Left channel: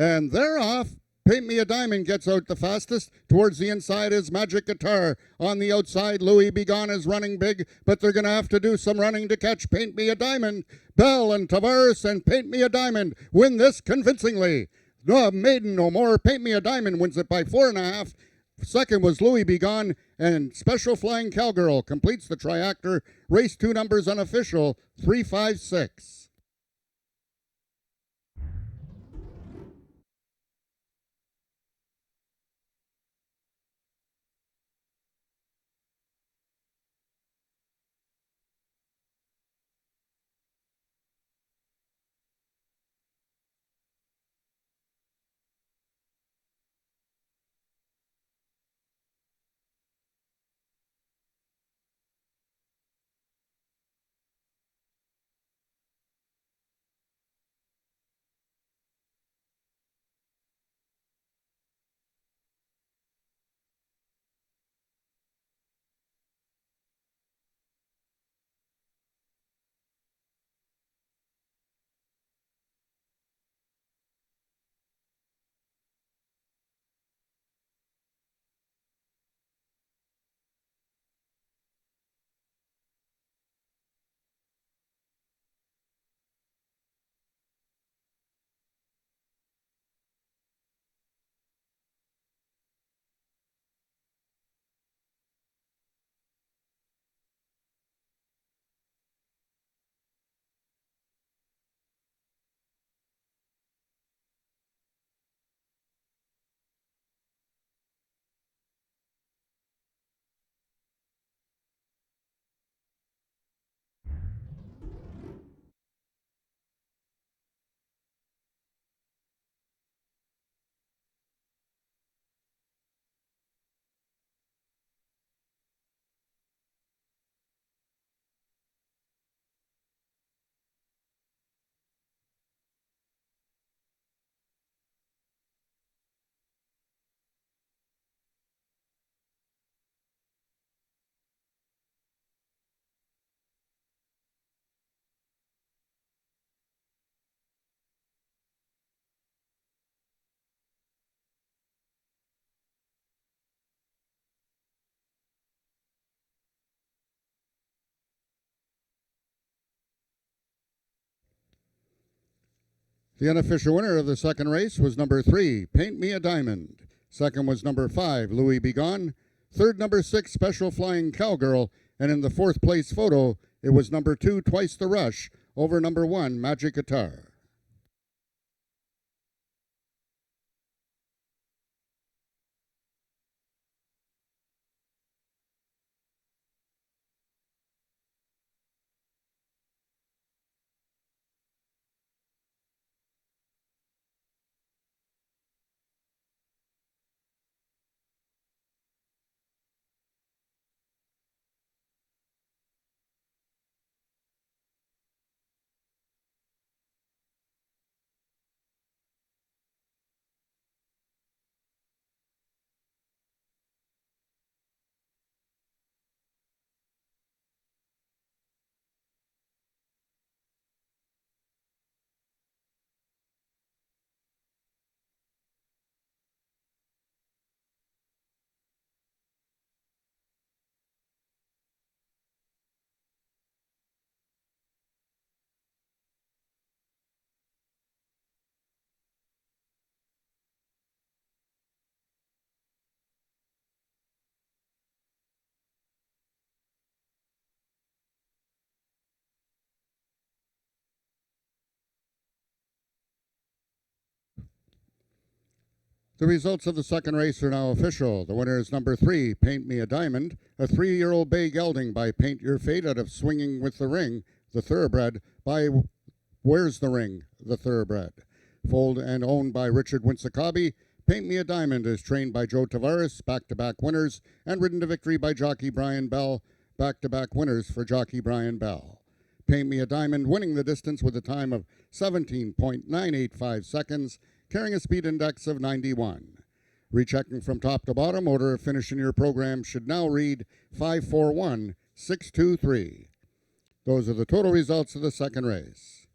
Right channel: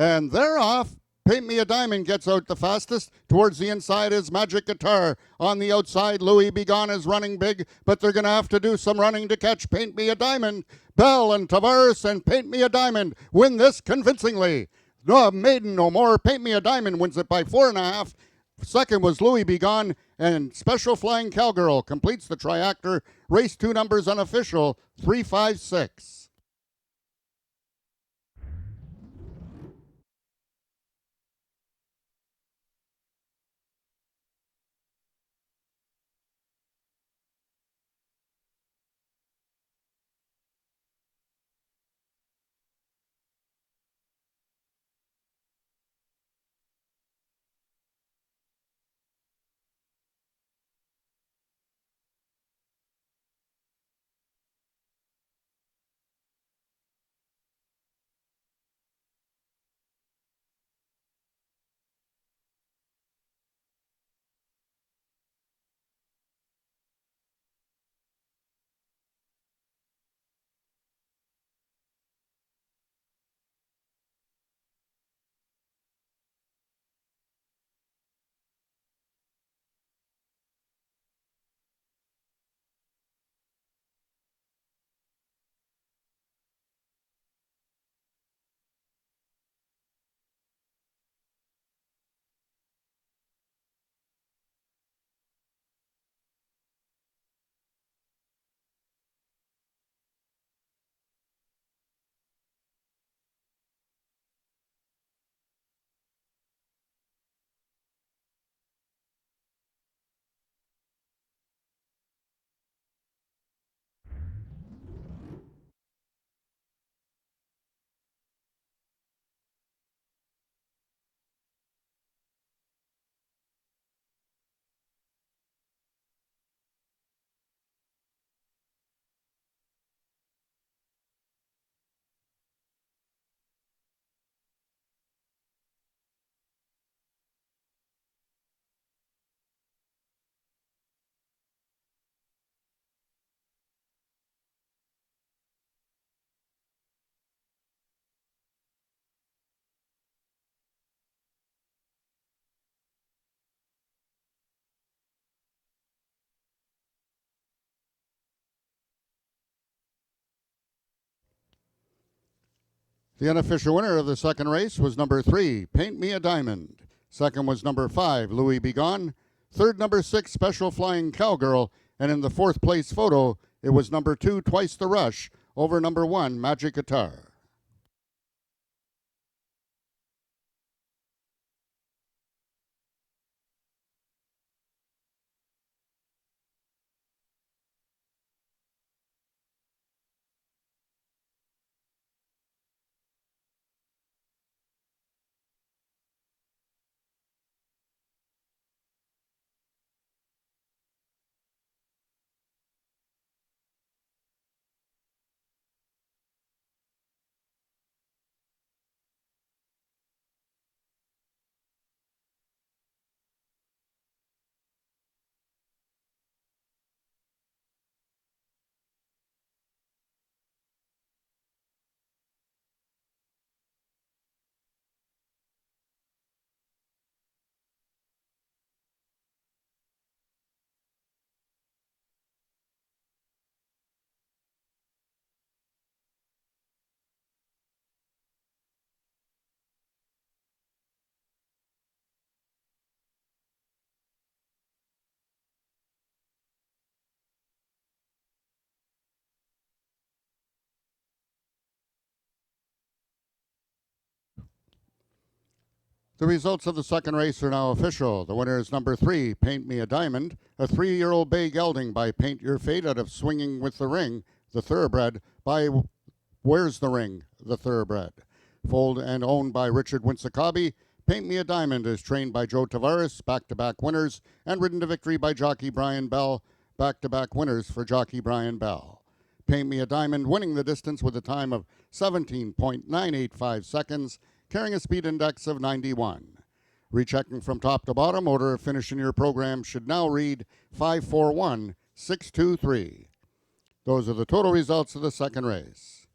And they're off. Paint Me a Diamond gets out the fastest. Towards the inside is Magic Guitar. On the outside, Louis Begone is running big, but they're going to have to do some running to catch Paint Me a Diamond. Bell and Tavares and Paint Me a Diamond win this convincingly. No, Maiden No More. Paint Me a Diamond wins it by 4.5. Second was Louis Begone, and Special Flying Cowgirl completes the triactor. Race 2 numbers unofficial, 356. The unofficial winner of the second race was number 3, Paint Me a Diamond. Second was number 5, Louis Begone. Third, number 6, Special Flying Cowgirl. And in the fourth place photo, it was number 2, Twice the Rush, over number 1, Magic Guitar. The results of the second race are now official. The winner is number 3, Paint Me a Diamond, a 3-year-old bay gelding by Paint Your Fate out of Swinging with the Ring, the thoroughbred by Where's the Ring, the thoroughbred. Foaled and owned by Richard Winsakabi, Paint Me a Diamond is trained by Joe Tavares, back-to-back winners, and ridden to victory by jockey Brian Bell, back-to-back winners for jockey Brian Bell. Paint Me a Diamond winning the distance with a time of 17.985 seconds, carrying a speed index of 91. Rechecking from top to bottom, order of finish in your program should now read 541-623. Those are the total results of the second race.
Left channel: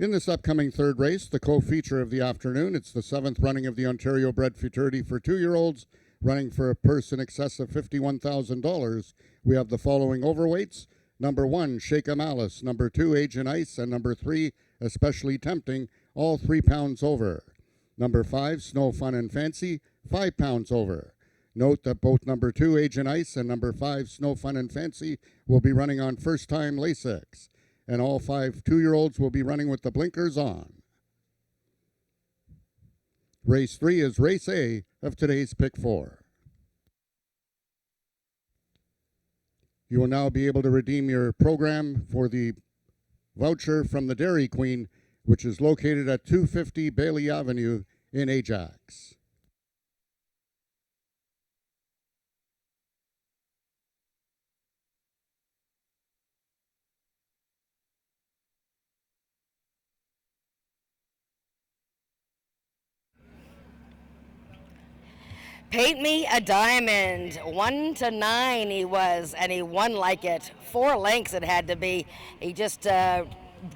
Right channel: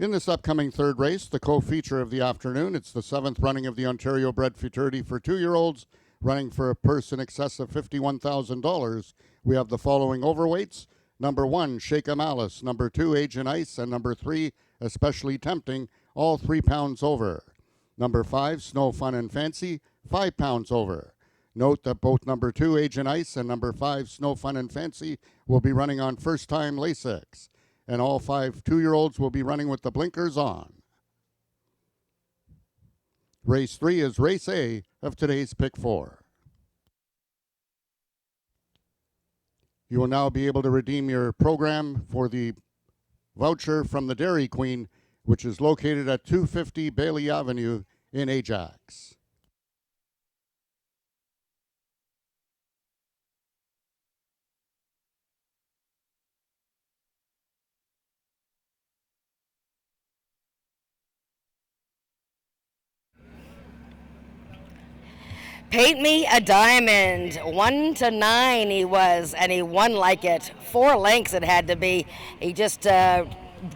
In this upcoming third race, the co-feature of the afternoon, it's the 7th running of the Ontario Bred Futurity for 2-year-olds, running for a purse in excess of $51,000. We have the following overweights. Number 1, Shake 'em Alice. Number 2, Agent Ice. And number 3, Especially Tempting, all 3 pounds over. Number 5, Snow Fun and Fancy, 5 pounds over. Note that both number 2, Agent Ice, and number 5, Snow Fun and Fancy, will be running on first-time Lasix. And all 5 2-year-olds will be running with the blinkers on. Race 3 is Race A of today's Pick 4. You will now be able to redeem your program for the voucher from the Dairy Queen, which is located at 250 Bailey Avenue in Ajax. Paint me a diamond. 1 to 9 he was, and he won like it. 4 lengths it had to be. He just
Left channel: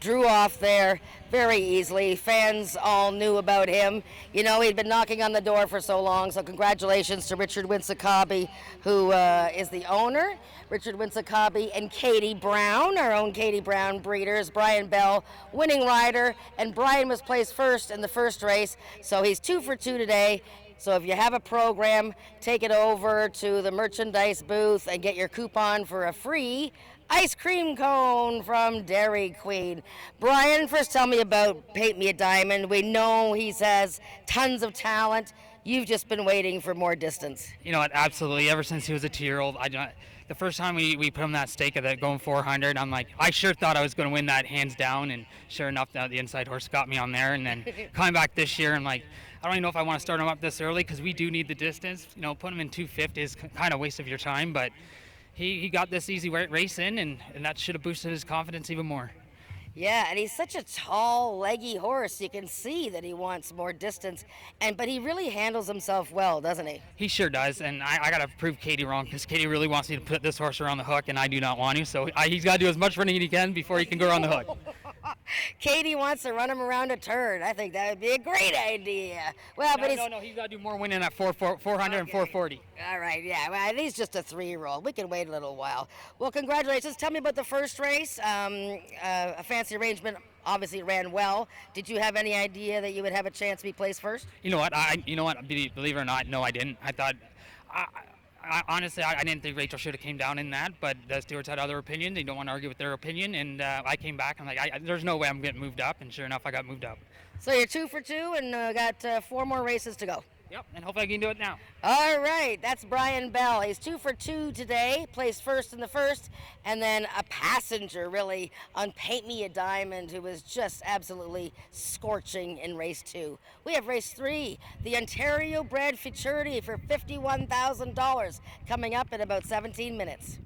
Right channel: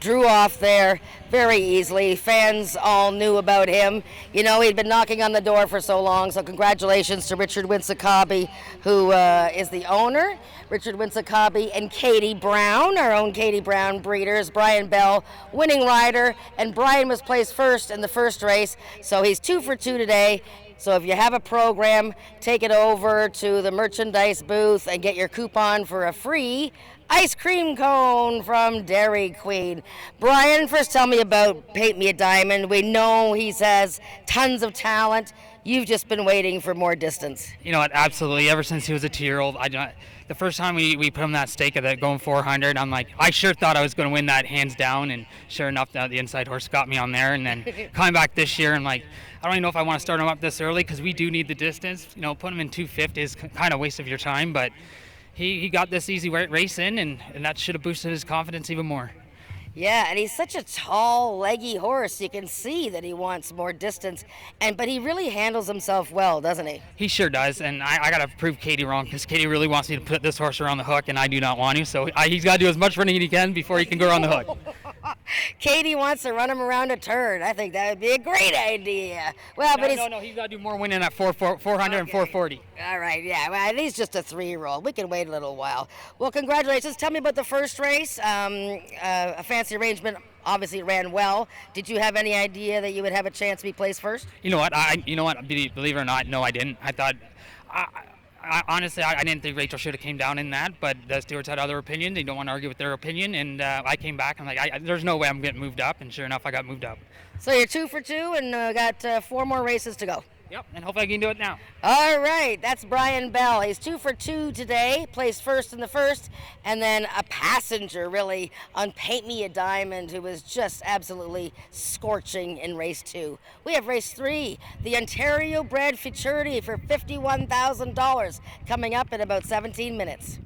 drew off there very easily. Fans all knew about him. You know, he'd been knocking on the door for so long, so congratulations to Richard Winsakabi, who is the owner. Richard Winsakabi and Katie Brown, our own Katie Brown breeders. Brian Bell, winning rider, and Brian was placed first in the first race, so he's 2 for 2 today. So if you have a program, take it over to the merchandise booth and get your coupon for a free ice cream cone from Dairy Queen. Brian, first tell me about Paint Me a Diamond. We know he has tons of talent. You've just been waiting for more distance. You know what, absolutely. Ever since he was a 2-year-old, the first time we put him that stake at that going 400, I'm like, I sure thought I was going to win that hands down, and sure enough, the inside horse got me on there. And then coming back this year, I'm like, I don't even know if I want to start him up this early because we do need the distance. You know, put him in 250 is kind of a waste of your time, but he got this easy race in, and that should have boosted his confidence even more. Yeah, and he's such a tall, leggy horse. You can see that he wants more distance, but he really handles himself well, doesn't he? He sure does, and I got to prove Katie wrong because Katie really wants me to put this horse around the hook, and I do not want to, so he's got to do as much running as he can before he can go around the hook. Katie wants to run him around a turn. I think that would be a great idea. Well, but he's got to do more winning at 400 and 440. All right, yeah. Well, he's just a 3-year-old. We can wait a little while. Well, congratulations. Tell me about the first race. A fancy arrangement. Obviously, it ran well. Did you have any idea that you would have a chance to be placed first? You know what? Believe it or not, no, I didn't. I thought. Honestly, I didn't think Rachel should have came down in that, but the stewards had other opinions. They don't want to argue with their opinion, and I came back. I'm like, there's no way I'm getting moved up, and sure enough, I got moved up. So you're 2 for 2, and got 4 more races to go. Yep, and hopefully I can do it now. All right, that's Brian Bell. He's 2 for 2 today, placed first in the first, and then a passenger, really, on Paint Me a Diamond, who was just absolutely scorching in race 2. We have race 3, the Ontario Bred Futurity for $51,000, coming up in about 17 minutes.